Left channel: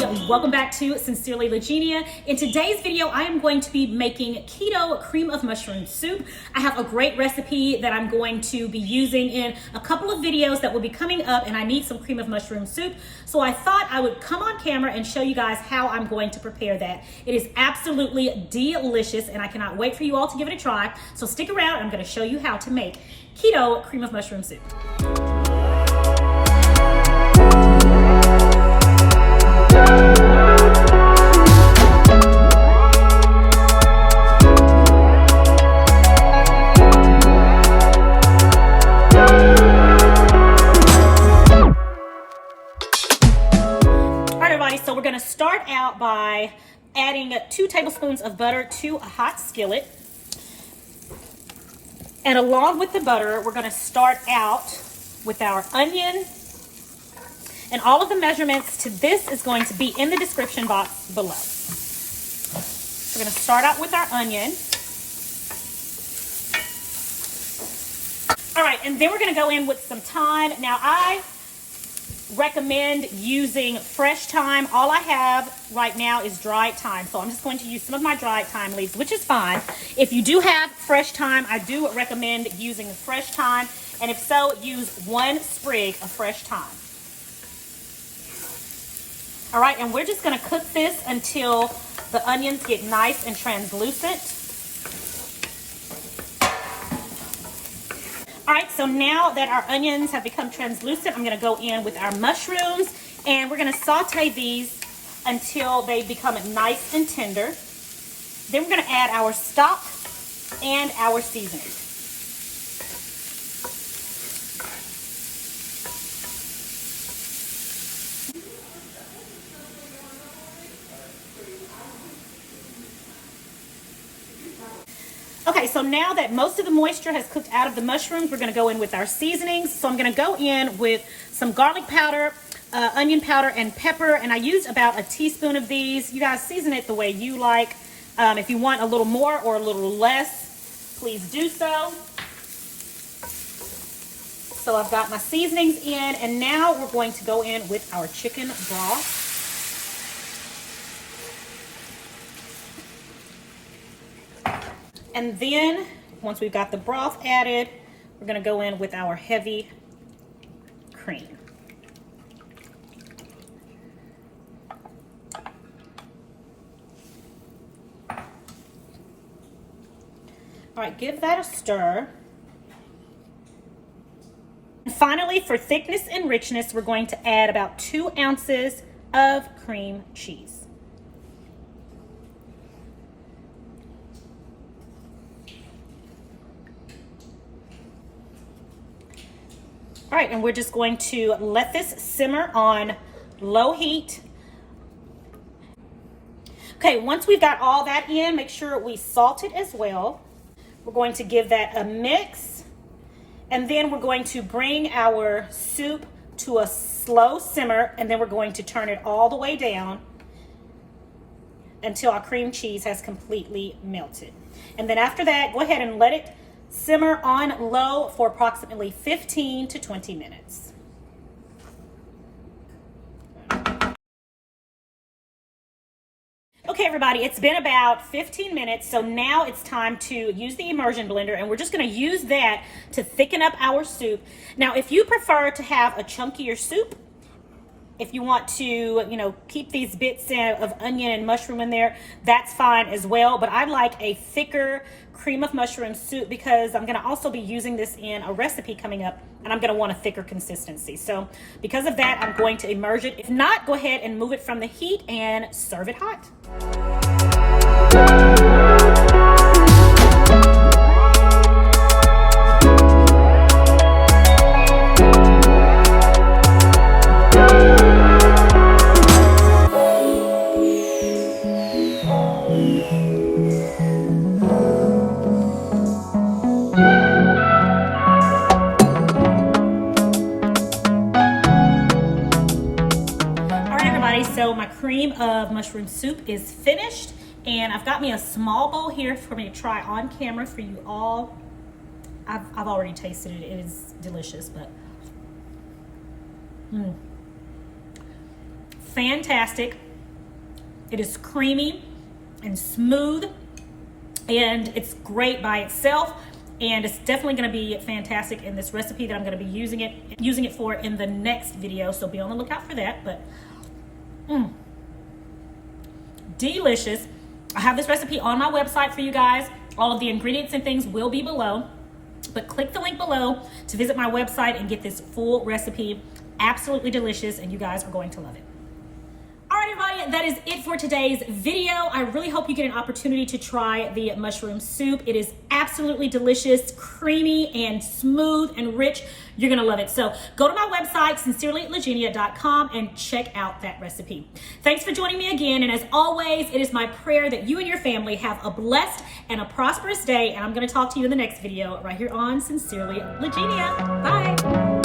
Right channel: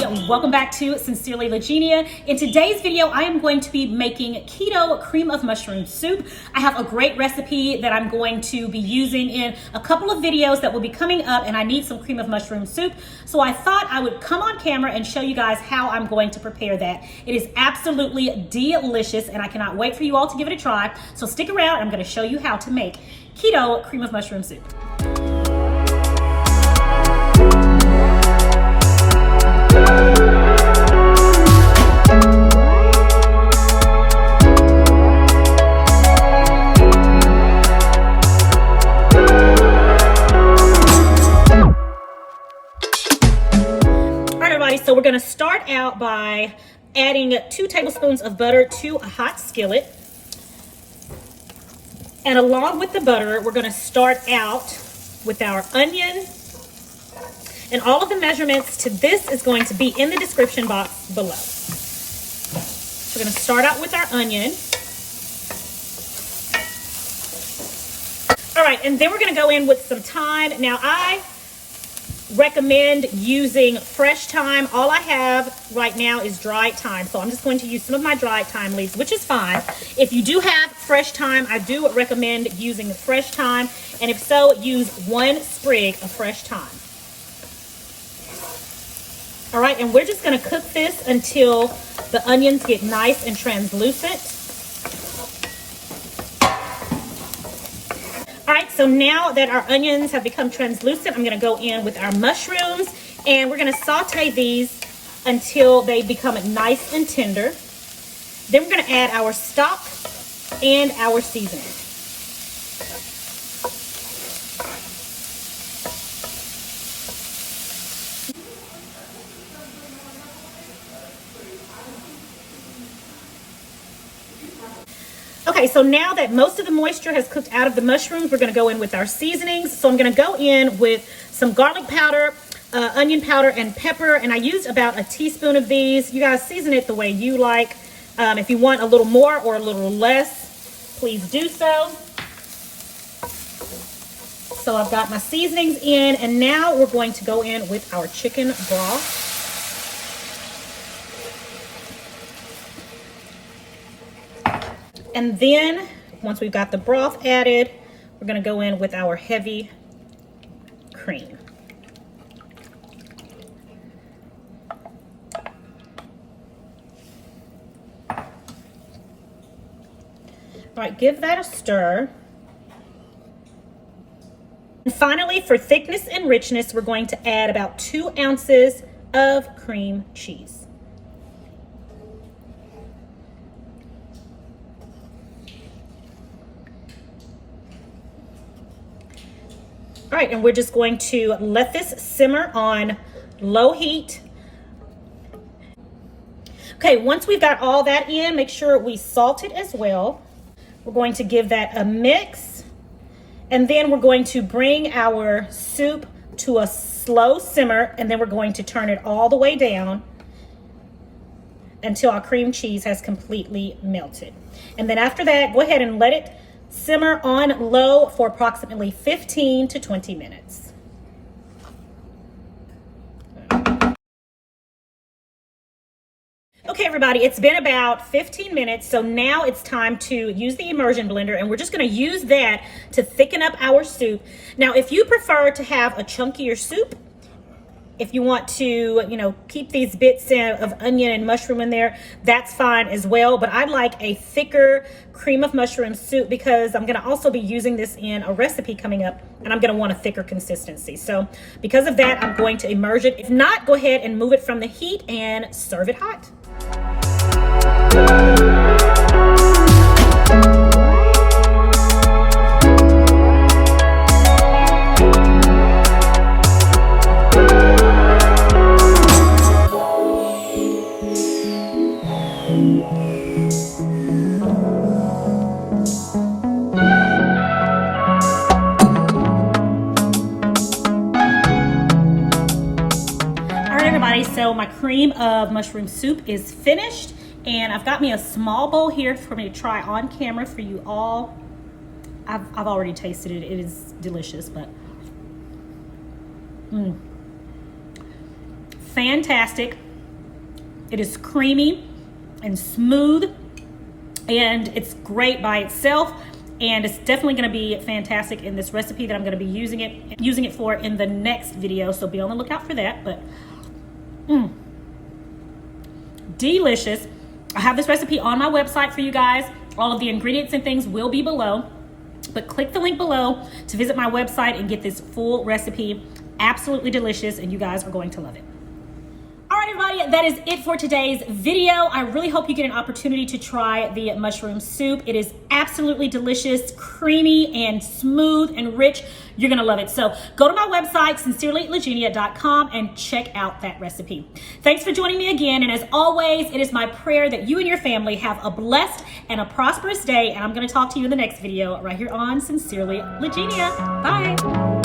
welcome back to Sincerely Legenia. In today's video, I am going to be making keto cream of mushroom soup. I have a great recipe that I'm going to be using in a couple of videos that will be coming up, and I need some cream of mushroom soup. So I thought I would come on camera and show you guys how I'm going to prepare that. It is absolutely delicious, and I cannot wait for you all to give it a try. So stick around, I'm going to show you how to make keto cream of mushroom soup. So we're going to start out by adding 2 tablespoons of butter to a hot skillet. And along with the butter, we're going to start out with our onion. And all of the measurements to this is going to be in the description box below. We're going to start out with our onion. All right, and then we're going to go in with some thyme. Now, I recommend using fresh thyme. All I have right now is dried thyme, so I'm just going to use some of my dried thyme leaves, which is fine. If you do have fresh thyme, I do recommend using the fresh thyme, and if so, use 1 sprig of fresh thyme. All right, and we're just going to cook this until the onions get nice and translucent. All right, so now that our onions have become translucent, I'm going to go in with our mushrooms, and we're going to saute these until they become nice and tender. Then we're going to add our stock and our seasoning. Okay, so now that most of the moisture has cooked out of the mushrooms, we're going to go in with our seasonings. So I'm going to go in with some garlic powder, onion powder, and pepper. And I used about a teaspoon of these. You guys season it the way you like. If you want a little more or a little less, please do so. So I've got my seasonings in, and now we're going to go in with our chicken broth. And then, once we've got the broth added, we're going to go in with our heavy cream. All right, give that a stir. And finally, for thickness and richness, we're going to add about 2 ounces of cream cheese. All right, and we're just going to let this simmer on low heat. Okay, once we've got all that in, make sure we salt it as well. We're going to give that a mix, and then we're going to bring our soup to a slow simmer, and then we're going to turn it all the way down until our cream cheese has completely melted. And then after that, go ahead and let it simmer on low for approximately 15 to 20 minutes. Okay, everybody, it's been about 15 minutes, so now it's time to use the immersion blender, and we're just going to use that to thicken up our soup. Now, if you prefer to have a chunkier soup, if you want to, keep these bits of onion and mushroom in there, that's fine as well. But I like a thicker cream of mushroom soup because I'm going to also be using this in a recipe coming up, and I'm going to want a thicker consistency. So because of that, I'm going to immerse it. If not, go ahead and move it from the heat and serve it hot. So my cream of mushroom soup is finished, and I've got me a small bowl here for me to try on camera for you all. I've already tasted it. It is delicious, but fantastic. It is creamy and smooth, and it's great by itself. And it's definitely going to be fantastic in this recipe that I'm going to be using it for in the next video. So be on the lookout for that. But delicious. I have this recipe on my website for you guys. All of the ingredients and things will be below. But click the link below to visit my website and get this full recipe. Absolutely delicious, and you guys are going to love it. All right, everybody, that is it for today's video. I really hope you get an opportunity to try the mushroom soup. It is absolutely delicious, creamy and smooth and rich. You're gonna love it. So go to my website, sincerelylegenia.com, and check out that recipe. Thanks for joining me again. And as always, it is my prayer that you and your family have a blessed and a prosperous day. And I'm gonna talk to you in the next video right here on Sincerely Legenia. Bye.